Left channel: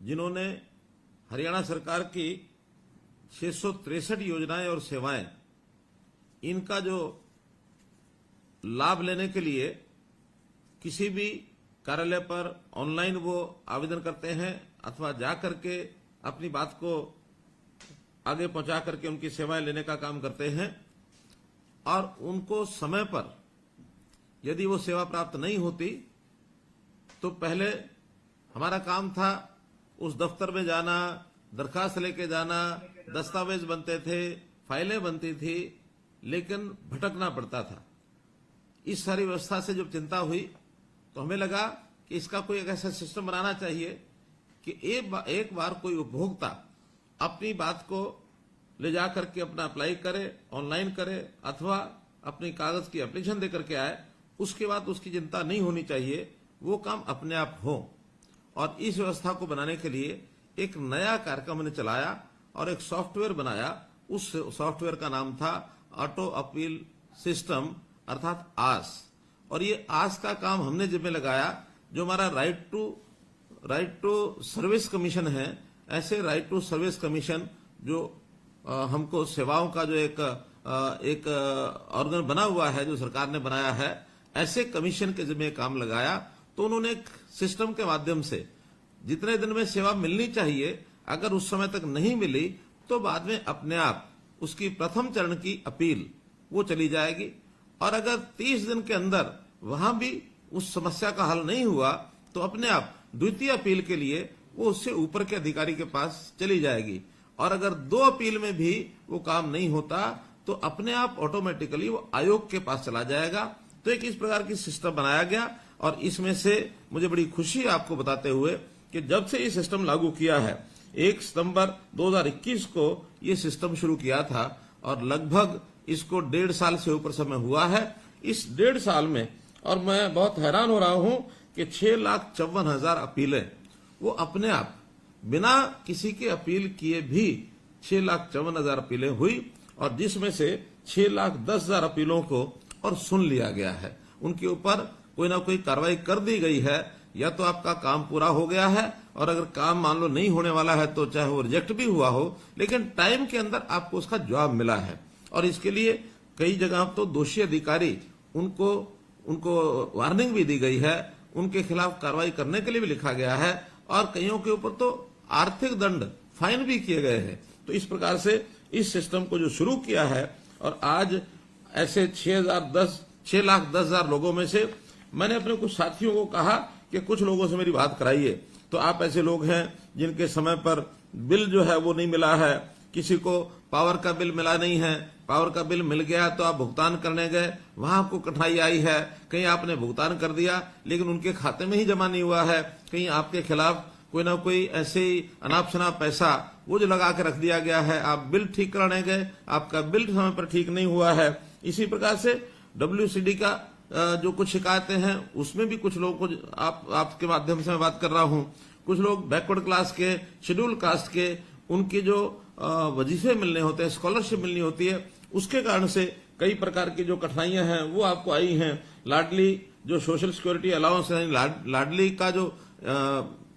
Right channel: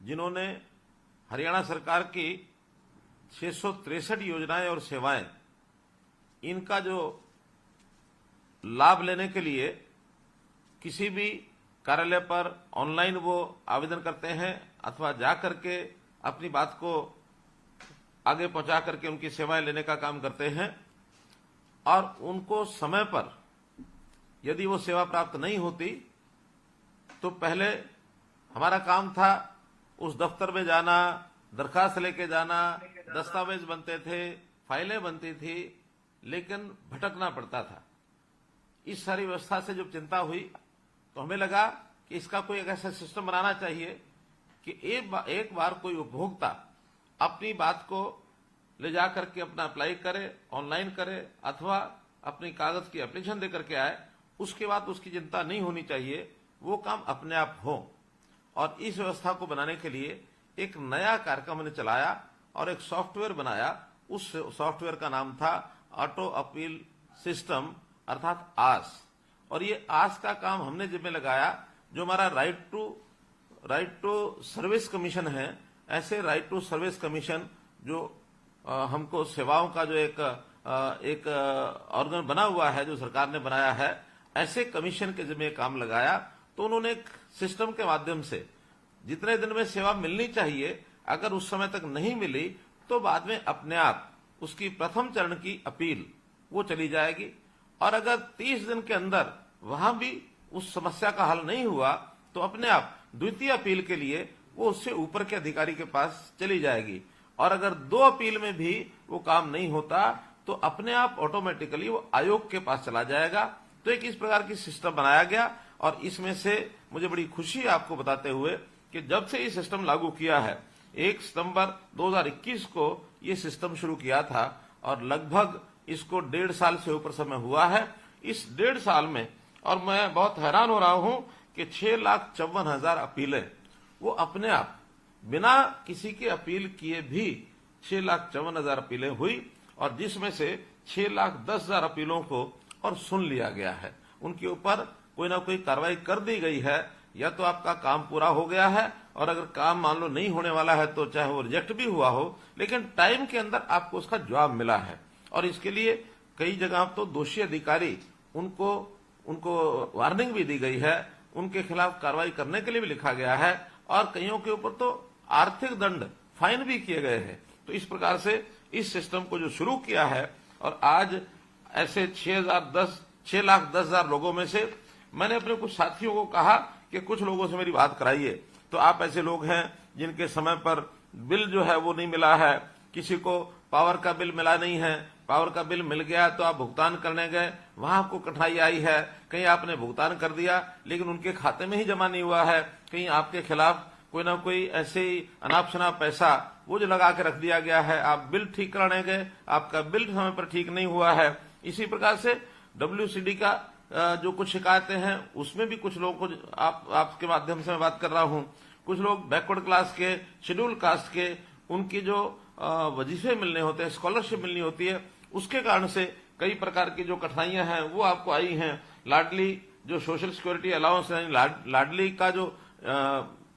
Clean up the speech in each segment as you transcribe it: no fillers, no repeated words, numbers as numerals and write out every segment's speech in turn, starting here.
जिन्होंने हरियाणा सरकार की 663 योजनाएं और सेवाएं, इनका जो लाभ लेने के लिए किसी भी कार्यालय पर ऑनलाइन वो आवेदन करते हैं अथवा जा करके अपनी बात को आगे पहुंचा करके उनकी सेवाएं लेने का काम करते हैं। और उनको समय पर यदि वो सेवा प्राप्त नहीं होती तो पहले हमारा काम था उस दफ्तर में जाना, दरखास्त लेके जाना, दस्तावेज बनते थे, फाइलें बनती थी, लेकिन भटकना पड़ता था। इस सारी व्यवस्था से जब चिंता हुई तो हमें लगा कि इसका कोई एक ऐसा सिस्टम बनाना चाहिए कि एक बार कोई उपभोक्ता अपनी बात को ले जा करके अपना अप्लाई करे, ऑनलाइन करे अथवा अपनी कागज की एप्लीकेशन दे करके आए, उसके बाद उसकी चिंता नहीं होनी चाहिए, वो काम अपने आप हो। और इस व्यवस्था को बनाने के लिए एक नया कार्यक्रम हमने चलाया और एक सॉफ्टवेयर बनाया। उस सॉफ्टवेयर का नाम था ऑटो अपील सिस्टम अर्थात आस। और ये आस का काम हमने जिम्मे लगाया। जो हमारा राइट टू सर्विस कमीशन है, ऐसे राइट टू सर्विस कमीशन जो हमको सेवाओं का जो एक ऑर्गन बना हुआ है, जो सरकार ने बनाया है, ऐसे कमीशन के जिम्मे काम लगाया। तो उन्होंने एक सिस्टम के माध्यम से जितने दिन में सेवा मिलनी चाहिए, अगर उस समय तक नहीं मिली तो बाद में अपने आप उसकी प्रथम चरण की अपील वो चली जाएगी। और अगर 30 दिन के अंदर वहां भी उस समस्या का हल नहीं हुआ तो अपने आप द्वितीय अपील के लिए वो उससे ऊपर के अधिकारी के पास चली जाएगी। और अगर 2 अपील में भी वो काम नहीं होता तो अपने आप ऑटोमेटिकली वो आयोग के पास चला जाएगा। तो एक इस प्रकार की सिस्टम बनाया गया। और इसमें से मुझे बड़ी खुशी है आपको बताते हुए कि जब से ये सिस्टम लागू किया है, 1 सितंबर 2021 को ये सिस्टम शुरू किया था और लगभग इसको 1.5 साल से ऊपर समय हुआ है। इस 1.5 साल में, और मैं बहुत हैरान हो रहा हूं कि 6,54,000 अपीलें वो अपने आप बिना किसी के अपील किए भी 6,54,000 अपीलें हुई। और जिसमें से 6,10,000 अपीलों को और सुन लिया गया है, उनके ऊपर कोई ना कोई कार्रवाई कर दी गई है। या तो आपका काम पूरा हो गया है, और अगर काम मान लो नहीं होने वाला है तो चाहे वो रिजेक्ट भी हुआ हो, लेकिन टाइम के अंदर आपको उसका जवाब मिला है। और इसके लिए कई जगह तो दोषी अधिकारी उनको वार्निंग भी दी गई है, उनके खिलाफ कार्रवाई करने के लिए भी लिखा गया है, और कईयों के ऊपर तो आर्थिक दंड, फाइन भी किए गए हैं। तो इस प्रकार से इस सिस्टम को जो शुरू किया है, और आज ऐसे 6,10,000 लोगों में से मैंने अपने कुछ साथियों को कहा कि कुछ लोगों से मेरी बात कराइए। तो आप ऐसे लोग हैं जिनके समय पर बिल जो है वो नहीं मिला है, किसी को पावर का बिल मिला नहीं है, पावर का बिल मिल गया तो आप भुगतान करने गए, वहां आपको कठिनाई आई है, कहीं आपने भुगतान कर दिया लेकिन उनके खाते में ही जमा नहीं हुआ है, कहीं आपके खिलाफ कोई ना कोई ऐसे ही अनाप शनाप पैसा वो जो लगा के रख दिया गया है, आप बिल ठीक कराने गए, आपका बिल समय पर ठीक नहीं हुआ है। इसी प्रकार से WCD का जो कुछ शिकायतें हैं उसमें भी कुछ लोगों को आपके माध्यम से मैं बात कर रहा हूं, कुछ लोग बैकवर्ड क्लास के, शेड्यूल कास्ट के, उनकी जो वजीफे मिलने होते हैं, स्कॉलरशिप मिलनी होती है, उसके कारण से कई प्रकार की जो कठिनाइयां हैं वो आपको आई हैं। लाडली जो सोशल सिक्योरिटी अलाउंस है, लाडली का जो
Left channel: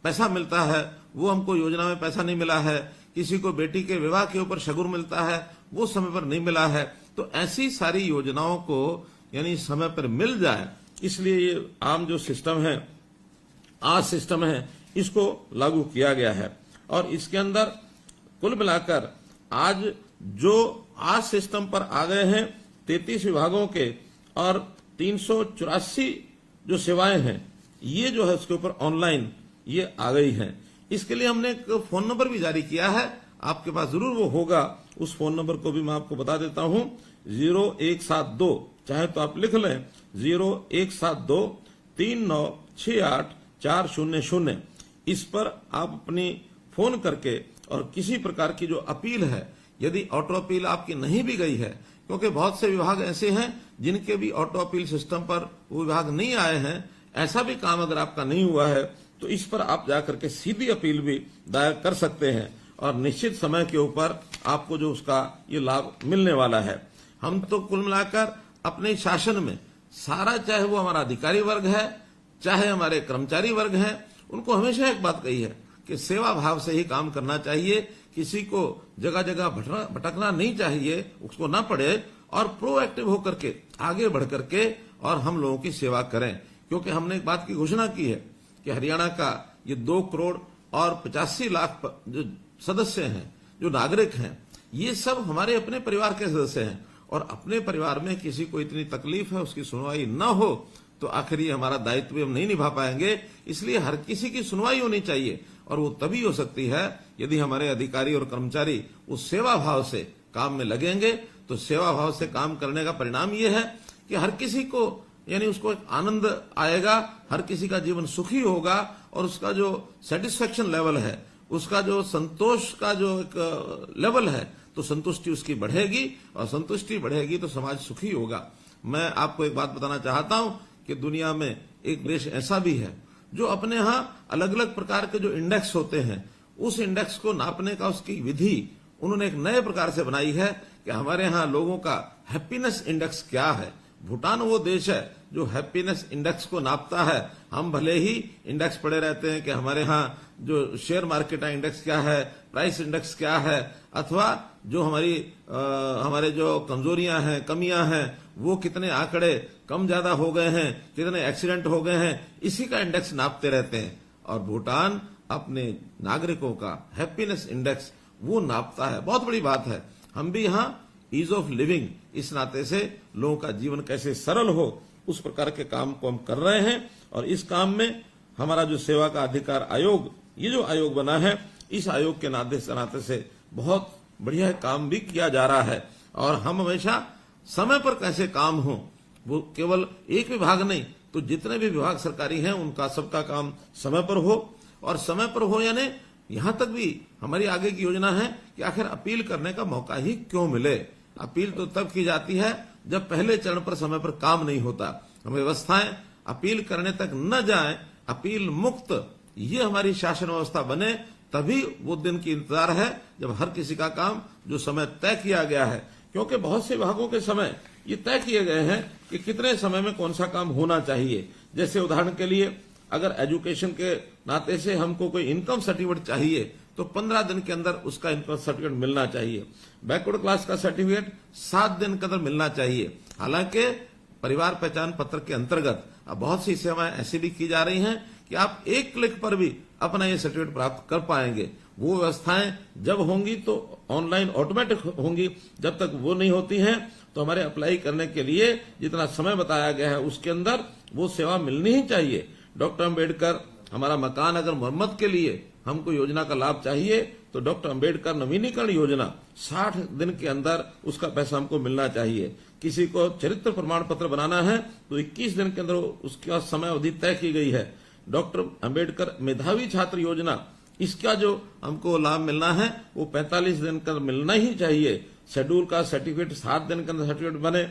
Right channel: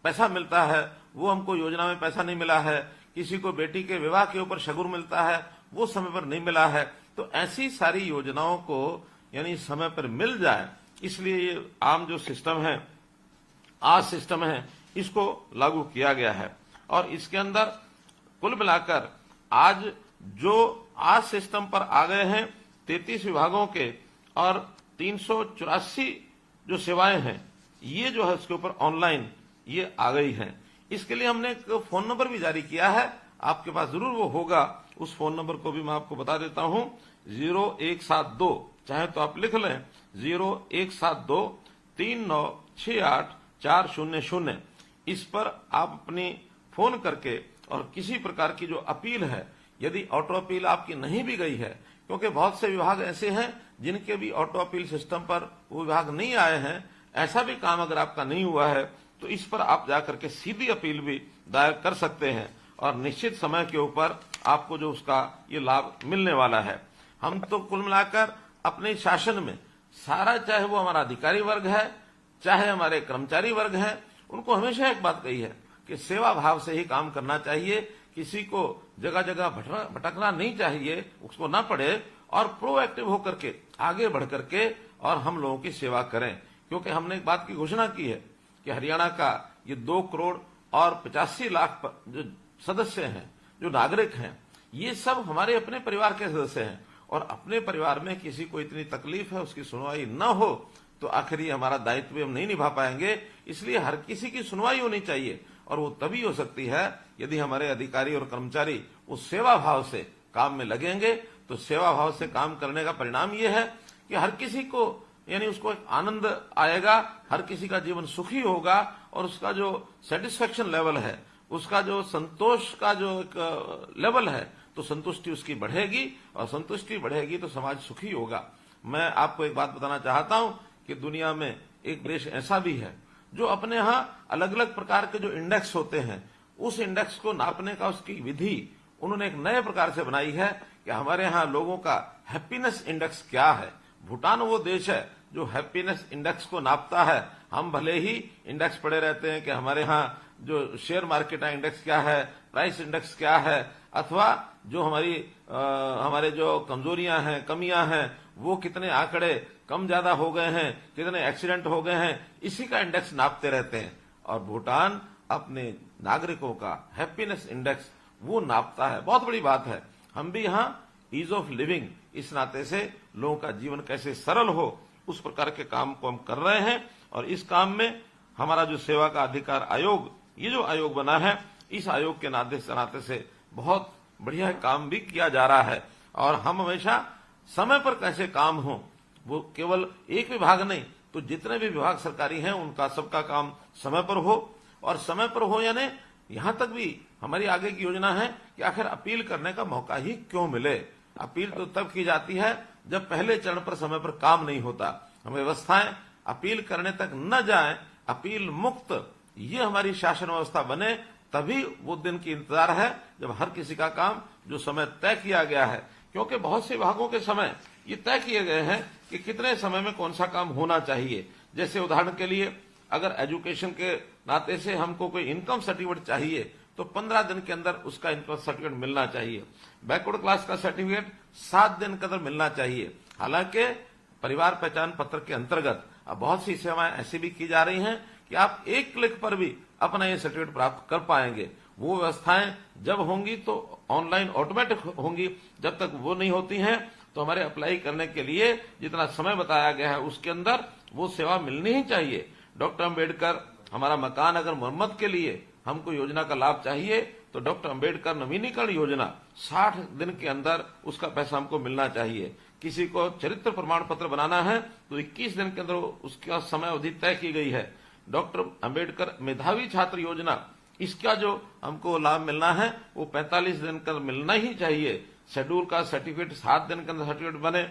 पैसा मिलता है वो हमको योजना में पैसा नहीं मिला है, किसी को बेटी के विवाह के ऊपर शगुन मिलता है वो समय पर नहीं मिला है। तो ऐसी सारी योजनाओं को यानी समय पर मिल जाए, इसलिए ये आम जो सिस्टम है, आज सिस्टम है, इसको लागू किया गया है। और इसके अंदर कुल मिलाकर आज जो आज सिस्टम पर आ गए हैं 33 विभागों के और 384 जो सेवाएं हैं, ये जो है उसके ऊपर ऑनलाइन ये आ गई हैं। इसके लिए हमने एक फोन नंबर भी जारी किया है, आपके पास जरूर वो होगा। उस फोन नंबर को भी मैं आपको बता देता हूं, 0172, चाहे तो आप लिख लें 0172 3968 400। इस पर आप अपनी फोन करके और किसी प्रकार की जो अपील है, यदि ऑटो अपील आपकी नहीं भी गई है, क्योंकि बहुत से विभाग ऐसे हैं जिनके भी ऑटो अपील सिस्टम पर वो विभाग नहीं आए हैं, ऐसा भी काम अगर आपका नहीं हुआ है तो इस पर आप जाकर के सीधी अपील भी दायर कर सकते हैं और निश्चित समय के ऊपर आपको जो उसका ये लाभ मिलने वाला है। हम तो कुल मिलाकर अपने शासन में सारा, चाहे वो हमारा अधिकारी वर्ग है, चाहे हमारे कर्मचारी वर्ग है, उनको हमेशा एक बात कही है कि सेवा भाव से ही काम करना चाहिए, किसी को जगह जगह भटकना नहीं चाहिए, उसको ना पड़े, और प्रोएक्टिव होकर के आगे बढ़ करके और हम लोगों की सेवा करें। क्योंकि हमने एक बात की घोषणा की है कि हरियाणा का ये 2 करोड़ और 85 लाख जो सदस्य हैं, जो नागरिक हैं, ये सब हमारे अपने परिवार के सदस्य हैं, और अपने परिवार में किसी को इतनी तकलीफ है, उसकी सुनवाई न हो तो आखिर ये हमारा दायित्व भी हम नहीं निभा पाएंगे। इसलिए हर किसी की सुनवाई होनी चाहिए, और वो तभी हो सकती है यदि हमारे अधिकारी और कर्मचारी उस सेवा भाव से काम में लगेंगे। तो सेवा भाव से काम करने का परिणाम ये है कि हर किसी को, यानी उसको एक आनंद आएगा, हर किसी का जीवन सुखी होगा, और उसका जो सेटिस्फेक्शन लेवल है, उसका जो संतोष का जो एक लेवल है, तो संतुष्टि उसकी बढ़ेगी, और संतुष्टि बढ़ेगी तो समाज सुखी होगा। मैं आपको एक बात बताना चाहता हूं कि दुनिया में एक देश ऐसा भी है जो अपने यहाँ अलग अलग प्रकार के जो इंडेक्स होते हैं, उस इंडेक्स को नापने का उसकी विधि उन्होंने एक नए प्रकार से बनाई है कि हमारे यहाँ लोगों का हैप्पीनेस इंडेक्स क्या है। भूटान वो देश है जो हैप्पीनेस इंडेक्स को नापता है। हम भले ही इंडेक्स पढ़े रहते हैं कि हमारे यहाँ जो शेयर मार्केट है इंडेक्स क्या है, प्राइस इंडेक्स क्या है, अथवा जो हमारे जो कमजोरियां हैं, कमियां हैं, वो कितने आंकड़े कम ज्यादा हो गए हैं, कितने एक्सीडेंट हो गए हैं, इसी का इंडेक्स नापते रहते हैं। और भूटान अपने नागरिकों का हैप्पीनेस इंडेक्स वो नापता है। बहुत बड़ी बात है। हम भी यहाँ ईज ऑफ लिविंग, इस नाते से लोगों का जीवन कैसे सरल हो, उस प्रकार के काम को हम कर रहे हैं। और इस काम में हमारा जो सेवा का अधिकार आयोग, ये जो आयोग बना है, इस आयोग के नाते से बहुत बढ़िया काम भी किया जा रहा है। और हम हमेशा समय पर कैसे काम हो, वो केवल एक विभाग नहीं, तो जितने भी विभाग सरकारी हैं उनका सबका काम समय पर हो। और समय पर हो यानी यहां तक भी हमारी आगे की योजना है कि आखिर अपील करने का मौका ही क्यों मिले। अपील तो तब की जाती है जब पहले चरण पर समय पर काम नहीं होता। हम व्यवस्थाएं अपील करने तक न जाएं, अपील मुक्त ये हमारी शासन व्यवस्था बने, तभी वो दिन की इंतजार है जब हर किसी का काम जो समय तय किया गया है। क्योंकि बहुत से विभागों के समय ये तय किए गए हैं कि कितने समय में कौन सा काम होना चाहिए। जैसे उदाहरण के लिए अगर एजुकेशन के नाते से हमको कोई इनकम सर्टिफिकेट चाहिए तो 15 दिन के अंदर उसका इनकम सर्टिफिकेट मिलना चाहिए। बैकवर्ड क्लास का सर्टिफिकेट 7 दिन के अंदर मिलना चाहिए। हालांकि परिवार पहचान पत्र के अंतर्गत अब बहुत सी सेवाएं ऐसी भी की जा रही हैं कि आप एक क्लिक पर भी अपना ये सर्टिफिकेट प्राप्त कर पाएंगे। वो व्यवस्थाएं जब होंगी तो ऑनलाइन ऑटोमेटिक होंगी। जब तक वो नहीं होती हैं तो हमारे अप्लाई करने के लिए जितना समय बताया गया है उसके अंदर वो सेवा मिलनी ही चाहिए। डॉक्टर अंबेडकर हमारा मकान अगर मरम्मत के लिए हमको योजना का लाभ चाहिए तो डॉक्टर अंबेडकर नवीनीकरण योजना 60 दिन के अंदर उसका पैसा हमको मिलना चाहिए। किसी को चरित्र प्रमाण पत्र बनाना है तो 21 दिन के अंदर उसका समय अवधि तय की गई है। डॉक्टर अंबेडकर मेधावी छात्र योजना, इसका जो हमको लाभ मिलना है वो 45 दिन का मिलना ही चाहिए। शेड्यूल का सर्टिफिकेट 7 दिन के अंदर सर्टिफिकेट बने।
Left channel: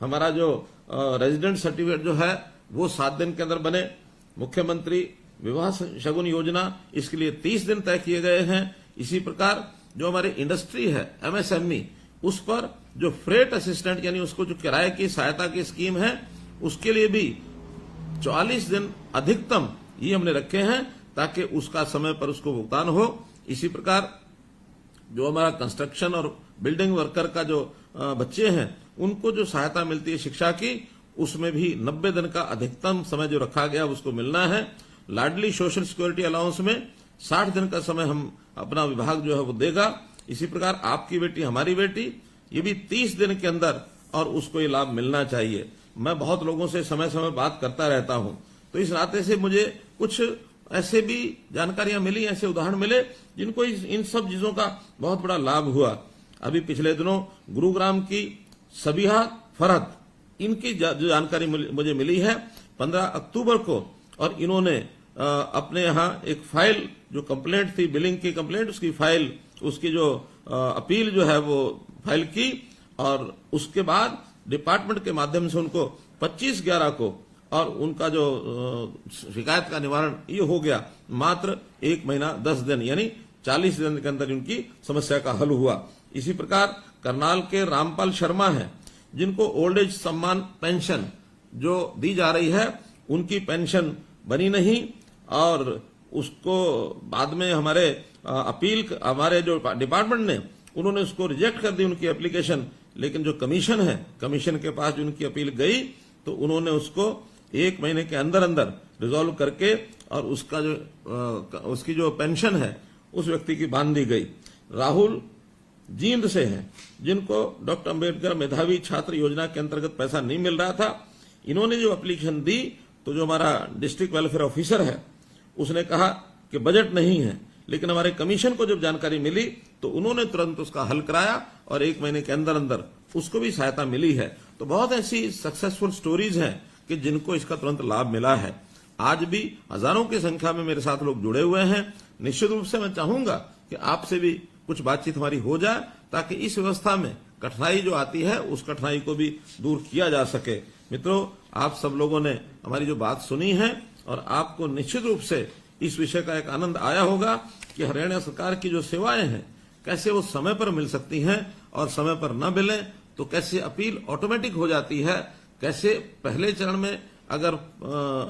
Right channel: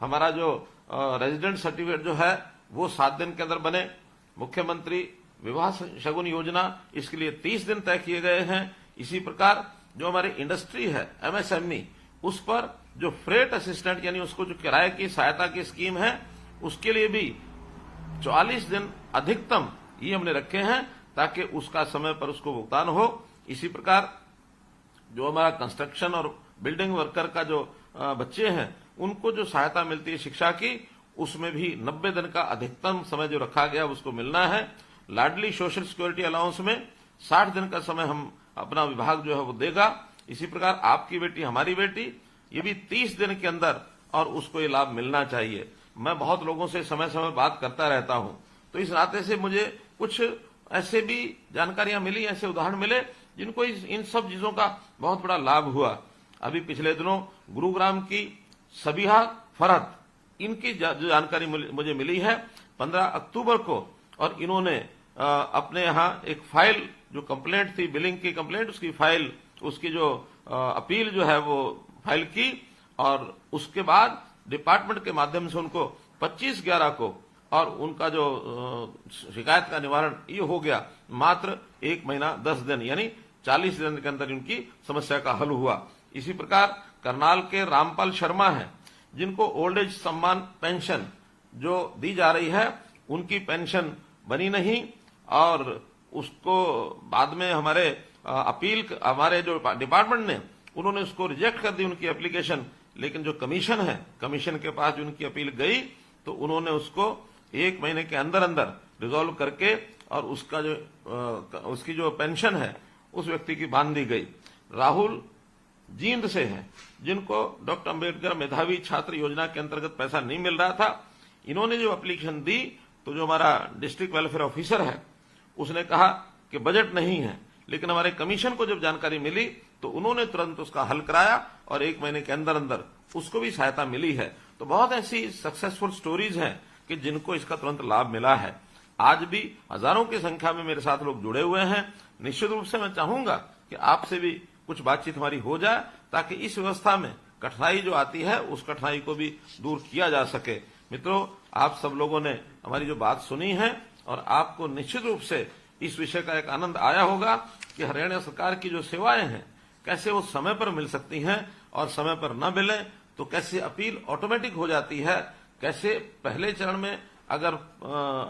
हमारा जो रेजिडेंट सर्टिफिकेट जो है वो 7 दिन के अंदर बने। मुख्यमंत्री विवाह शगुन योजना, इसके लिए 30 दिन तय किए गए हैं। इसी प्रकार जो हमारी इंडस्ट्री है एमएसएमई, उस पर जो फ्रेट असिस्टेंट यानी उसको जो किराए की सहायता की स्कीम है उसके लिए भी 44 दिन अधिकतम ये हमने रखे हैं ताकि उसका समय पर उसको भुगतान हो। इसी प्रकार जो हमारा कंस्ट्रक्शन और बिल्डिंग वर्कर का जो बच्चे हैं उनको जो सहायता मिलती है शिक्षा की, उसमें भी 90 दिन का अधिकतम समय जो रखा गया उसको मिलना है। लाडली सोशल सिक्योरिटी अलाउंस में 60 दिन का समय हम अपना विभाग जो है वो देगा। इसी प्रकार आपकी बेटी हमारी बेटी, ये भी 30 दिन के अंदर और उसको ये लाभ मिलना चाहिए। मैं बहुत लोगों से समय समय बात करता रहता हूं, तो इस नाते से मुझे कुछ ऐसे भी जानकारियां मिली, ऐसे उदाहरण मिले जिनको इन सब चीजों का बहुत बड़ा लाभ हुआ। अभी पिछले दिनों गुरुग्राम की सबिहा फरहत, इनकी जो जानकारी मुझे मिली है 15 अक्टूबर को, और इन्होंने अपने यहाँ एक फाइल जो कंप्लेंट थी, बिलिंग की कंप्लेंट, उसकी फाइल, उसकी जो अपील जो है वो फाइल की, और उसके बाद डिपार्टमेंट के माध्यम से उनको 25/11 को और उनका जो शिकायत का निवारण ये हो गया मात्र 1 महीना 10 दिन यानी 40 दिन के अंदर उनकी समस्या का हल हुआ। इसी प्रकार करनाल के रामपाल शर्मा हैं जिनको ओल्ड एज सम्मान पेंशन जो दी जा रही है उनकी पेंशन बनी नहीं, और उसको बाद में हमारे जो डिपार्टमेंट ने उन्होंने उसको रिजेक्ट कर दी उनकी एप्लीकेशन, लेकिन जो कमीशन है, कमीशन के पास जो उनकी अपील गई तो उन्होंने उसको 1 महीने के अंदर अंदर रिजॉल्व करके और उसकी जो पेंशन है उस व्यक्ति की बांध दी गई। राहुल जींद से हैं, जिनको डॉक्टर अंबेडकर मेधावी छात्र योजना के अंतर्गत पैसा नहीं मिल रहा था। इन्होंने जो एप्लीकेशन दी तो जो हमारा डिस्ट्रिक्ट वेलफेयर ऑफिसर है उसने कहा कि बजट नहीं है, लेकिन हमारे कमीशन को जब जानकारी मिली तो उन्होंने तुरंत उसका हल कराया और 1 महीने के अंदर अंदर उसको भी सहायता मिली है। तो बहुत ऐसी सक्सेसफुल स्टोरीज हैं कि जिनको इसका तुरंत लाभ मिला है। आज भी हजारों की संख्या में मेरे साथ लोग जुड़े हुए हैं। निश्चित रूप से मैं चाहूंगा कि आपसे भी कुछ बातचीत हमारी हो जाए ताकि इस व्यवस्था में कठिनाई जो आती है उस कठिनाई को भी दूर किया जा सके। मित्रों, आप सब लोगों ने हमारी जो बात सुनी है और आपको निश्चित रूप से इस विषय का एक आनंद आया होगा कि हरियाणा सरकार की जो सेवाएं हैं कैसे वो समय पर मिल सकती हैं और समय पर न मिले तो कैसे अपील ऑटोमेटिक हो जाती है, कैसे पहले चरण में अगर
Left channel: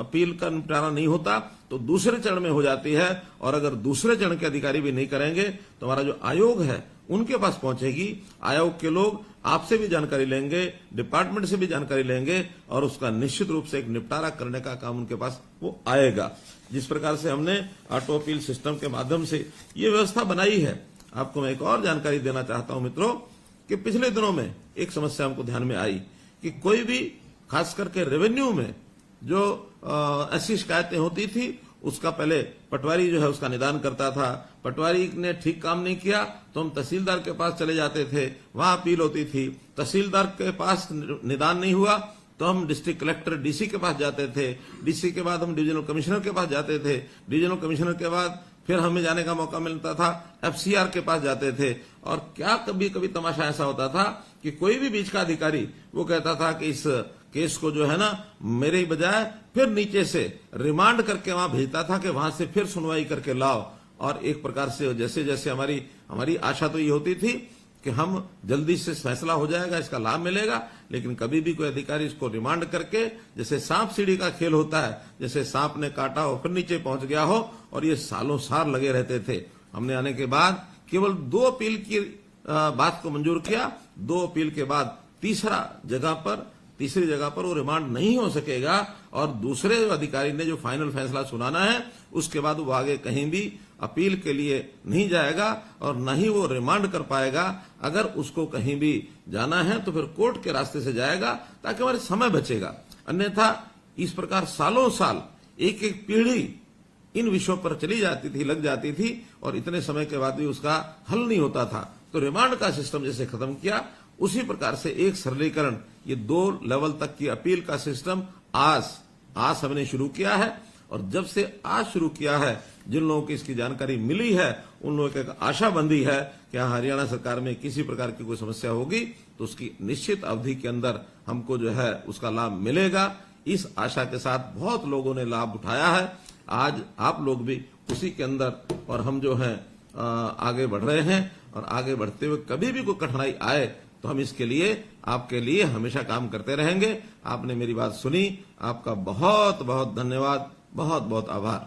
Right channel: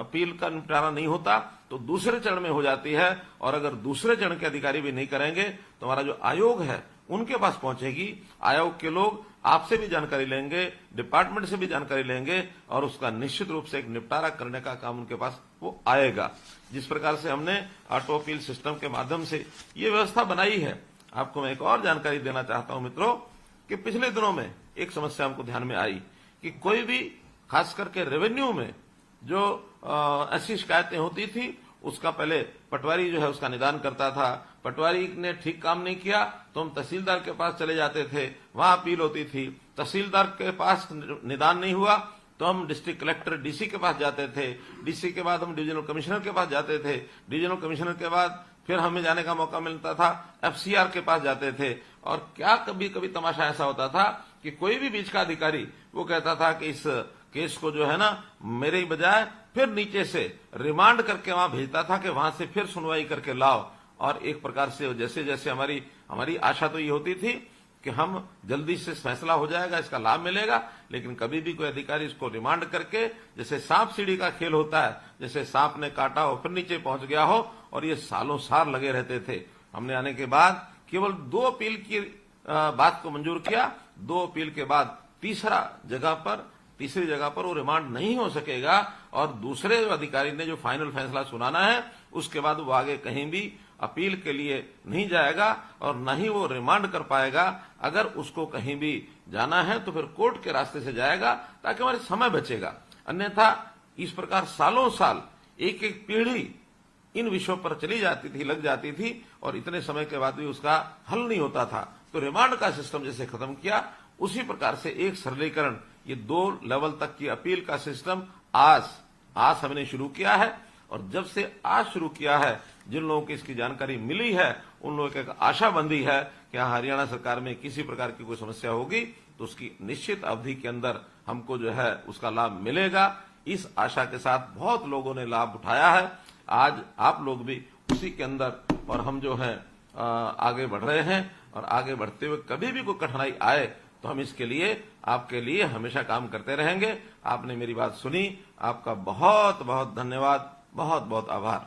अपील का निपटारा नहीं होता तो दूसरे चरण में हो जाती है, और अगर दूसरे चरण के अधिकारी भी नहीं करेंगे तो हमारा जो आयोग है उनके पास पहुंचेगी। आयोग के लोग आपसे भी जानकारी लेंगे, डिपार्टमेंट से भी जानकारी लेंगे और उसका निश्चित रूप से एक निपटारा करने का काम उनके पास वो आएगा। जिस प्रकार से हमने ऑटो अपील सिस्टम के माध्यम से ये व्यवस्था बनाई है, आपको मैं एक और जानकारी देना चाहता हूं मित्रों कि पिछले दिनों में एक समस्या हमको ध्यान में आई कि कोई भी खास करके रेवेन्यू में जो ऐसी शिकायतें होती थी उसका पहले पटवारी जो है उसका निदान करता था। पटवारी ने ठीक काम नहीं किया तो हम तहसीलदार के पास चले जाते थे, वहां अपील होती थी। तहसीलदार के पास निदान नहीं हुआ तो हम डिस्ट्रिक्ट कलेक्टर डीसी के पास जाते थे, डीसी के बाद हम डिविजनल कमिश्नर के पास जाते थे, डिविजनल कमिश्नर के बाद फिर हमें जाने का मौका मिलता था एफसीआर के पास जाते थे। और क्या कभी कभी तमाशा ऐसा होता था कि कोई भी बीच का अधिकारी वो कहता था कि इस केस को जो है ना मेरे ही बजाय फिर नीचे से रिमांड करके वहां भेजता था कि वहां से फिर सुनवाई करके लाओ। और एक प्रकार से जैसे जैसे हमारी आशा तो ये होती थी कि हम जल्दी से फैसला हो जाएगा, इसका लाभ मिलेगा, लेकिन कभी भी कोई अधिकारी इसको रिमांड करके जैसे सांप सीढ़ी का खेल होता है, जैसे सांप ने काटा हो फिर नीचे पहुंच गया हो, और ये सालों साल लगे रहते थे। हमने आने के बाद केवल 2 अपील की बात को मंजूर किया। 2 अपील के बाद तीसरी जगह पर वो रिमांड नहीं हो सकेगा और दूसरे अधिकारी ने जो फाइनल फैसला सुनाना है उसके बाद वो आगे कहीं भी अपील के लिए नहीं जाएगा और न ही वो रिमांड कर पाएगा। अगर उसको कहीं भी जाना है तो फिर कोर्ट के रास्ते से जाएगा ताकि हमारे समय बचेगा। अन्यथा इस प्रकार सालों साल एक एक पीढ़ी इन विषयों पर चली जाती थी, लग जाती थी, और इतने समय के बाद भी उसका हल नहीं होता था। तो रिमांड का सिस्टम जैसे खत्म किया उसी प्रकार से एक सरलीकरण, ये 2 लेवल तक की अपील का सिस्टम आज हमने शुरू किया है। और जब से आज शुरू किया है, जिन लोगों को इसकी जानकारी मिली है उन लोगों की एक आशा बंधी है कि हरियाणा सरकार में किसी प्रकार की कोई समस्या होगी तो उसकी निश्चित अवधि के अंदर हमको जो है उसका लाभ मिलेगा। इस आशा के साथ बहुत लोगों ने लाभ उठाया है। आज आप लोग भी उसी के अंदर, और हम जो है आगे बढ़ रहे हैं, और आगे बढ़ते हुए कभी भी कोई कठिनाई आए तो हम इसके लिए आपके लिए हमेशा काम करते रहेंगे। आपने मेरी बात सुनी, आपका बहुत बहुत धन्यवाद, बहुत बहुत आभार।